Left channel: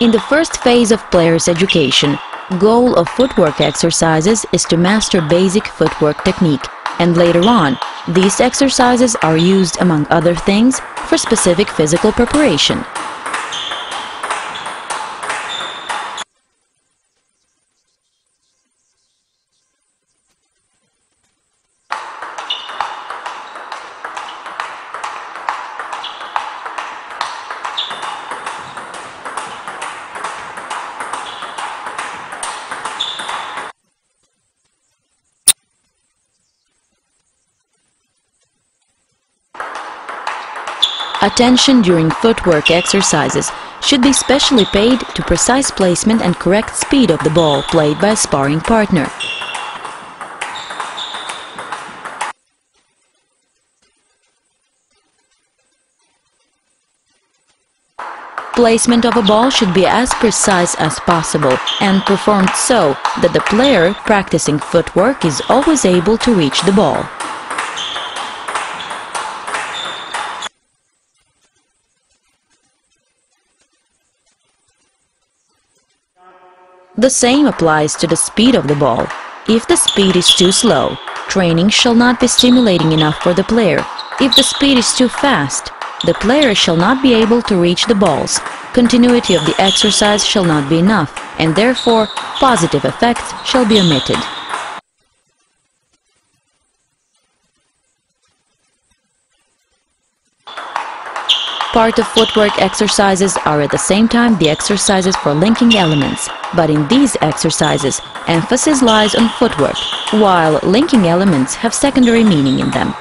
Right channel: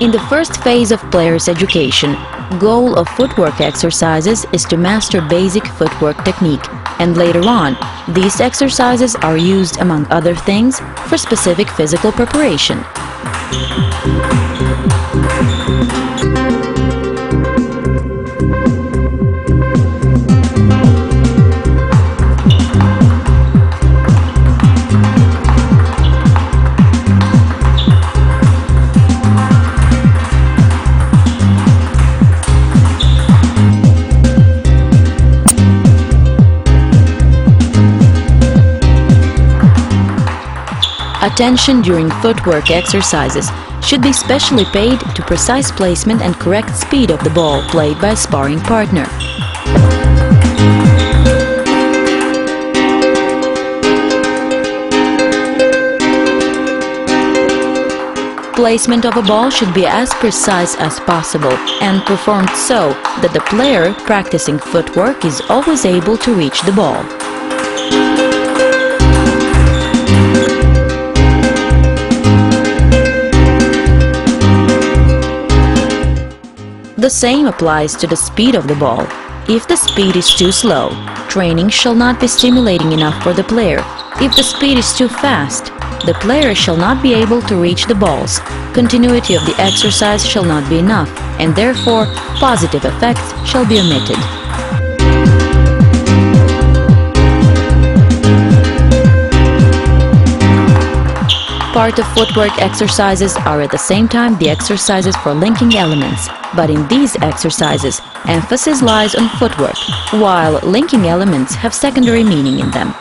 In the first phase of player's education, goal of footwork exercises is to master basic footwork technique, and later on, these exercises are used, among other things, for specific physical preparation. Attention during footwork exercises should be specially paid to precise placement and correct speed of the ball played by a sparring partner. Placement of a ball should be as precise as possible and performed so that the player practicing footwork is always able to reach the ball. The same applies to the speed of the ball. If the speed is too slow, training shall not be stimulating enough for the player. If the speed is too fast, the player shall not be able to reach the balls. Continuity of the exercise shall not be enough, and therefore positive effects shall be omitted. Part of footwork exercises are at the same time the exercises for linking elements, but in these exercises, emphasis lies on footwork, while linking elements have secondary meaning in them.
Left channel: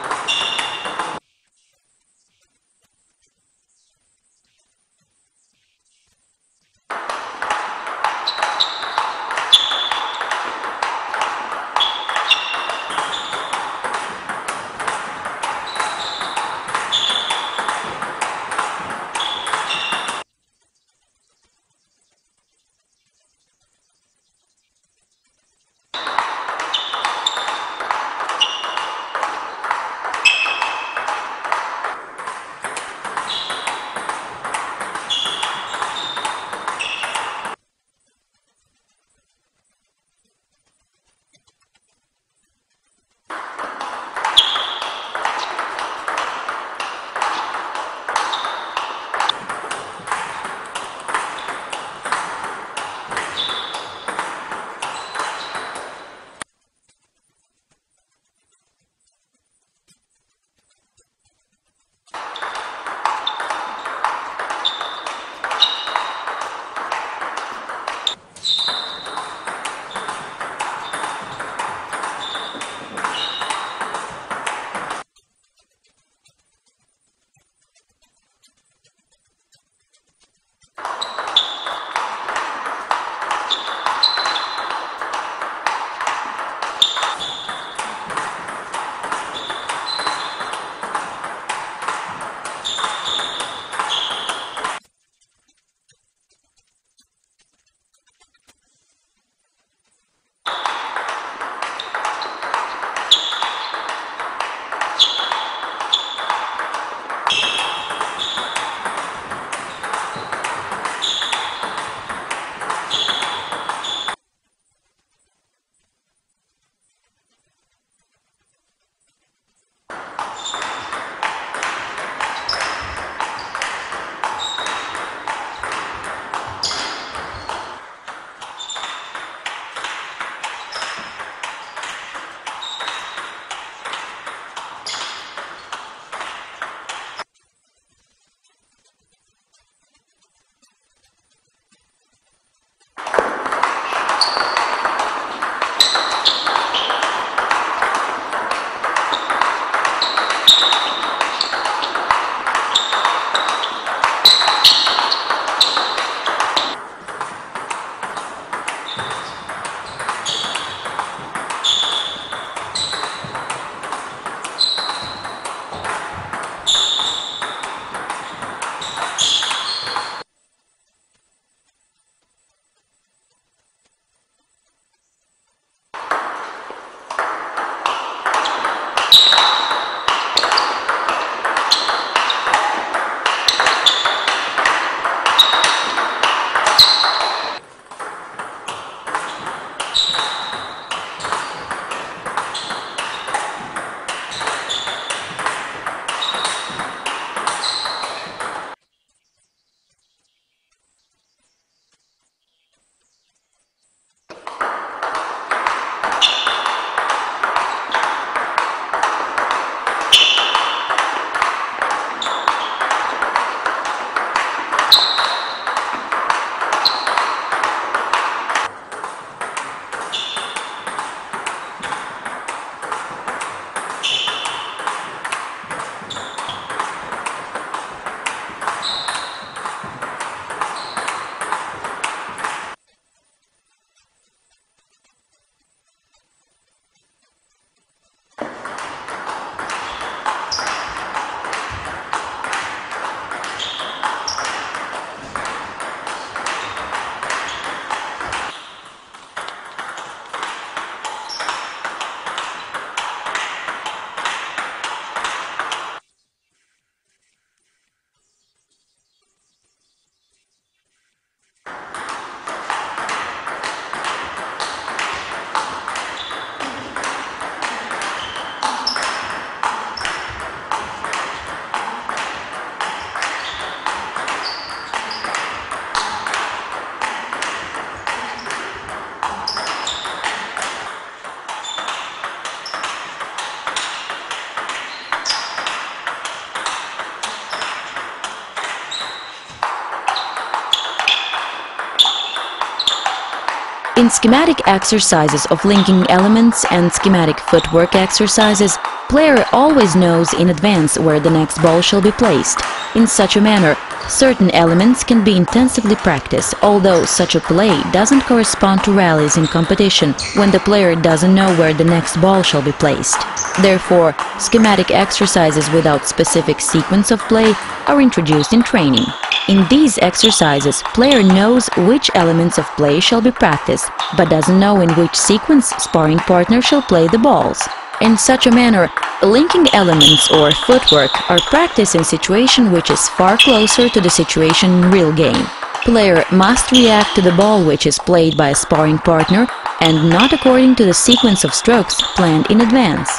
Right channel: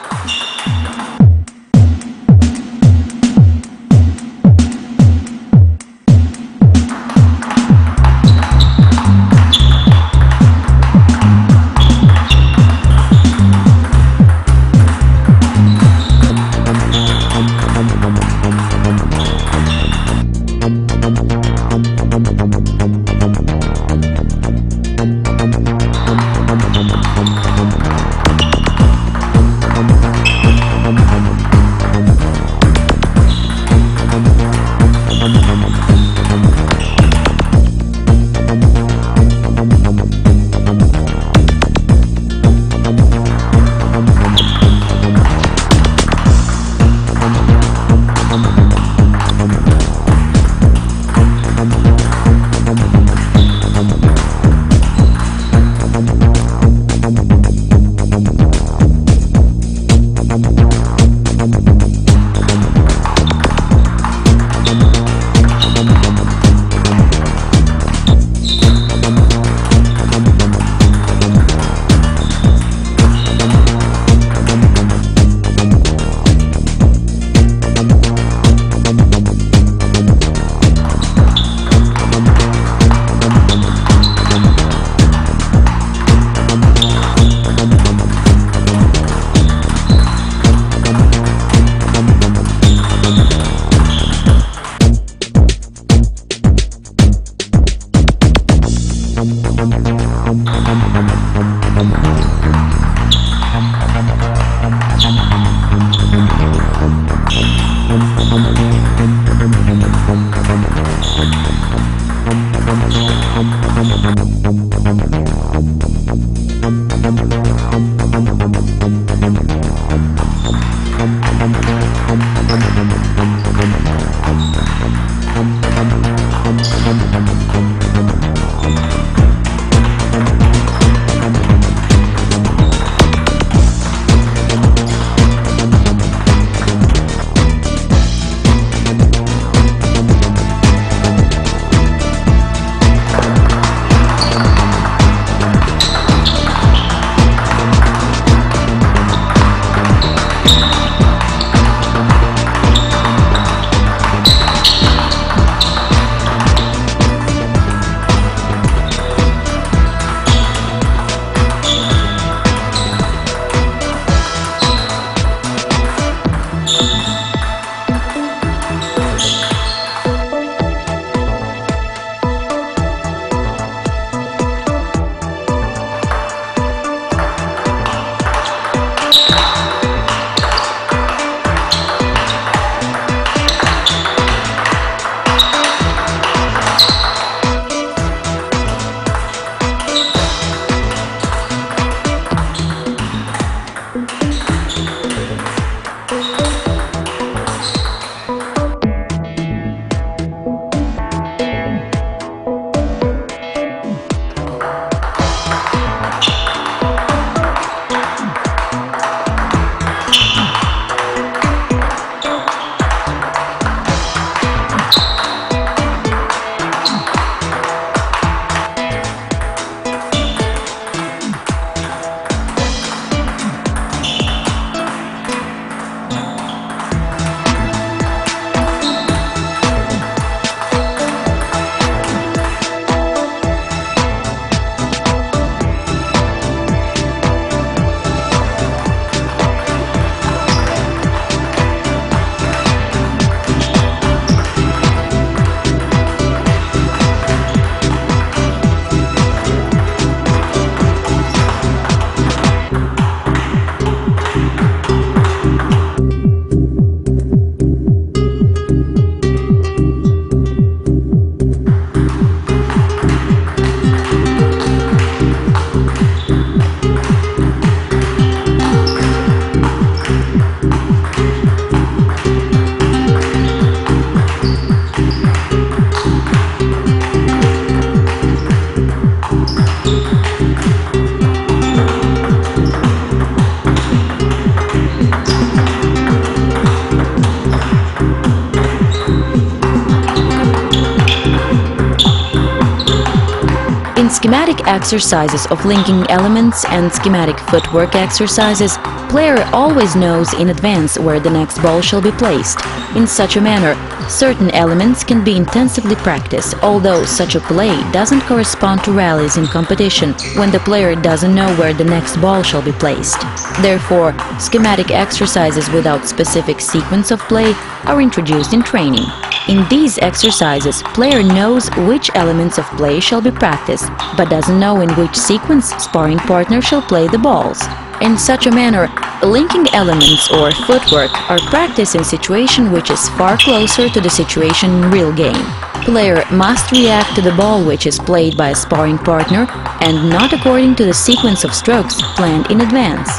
In schematic exercises of linking elements and schematic footwork exercises, player always knows in advance where the next ball shall be placed. In such a manner, certain elements can be intensively practiced, although such a play doesn't correspond to rallies in competition when the player doesn't know where the next ball shall be placed. Therefore, schematic exercises without specific sequence of play are introduced in training. In these exercises, player knows which elements of play shall be practiced, but doesn't know in which sequence sparring partner shall play the balls. In such a manner, linking elements or footwork are practiced in situation which is far closer to the situation in real game. Player must react to the ball which is played by a sparring partner and not according to the sequence of strokes planned in advance.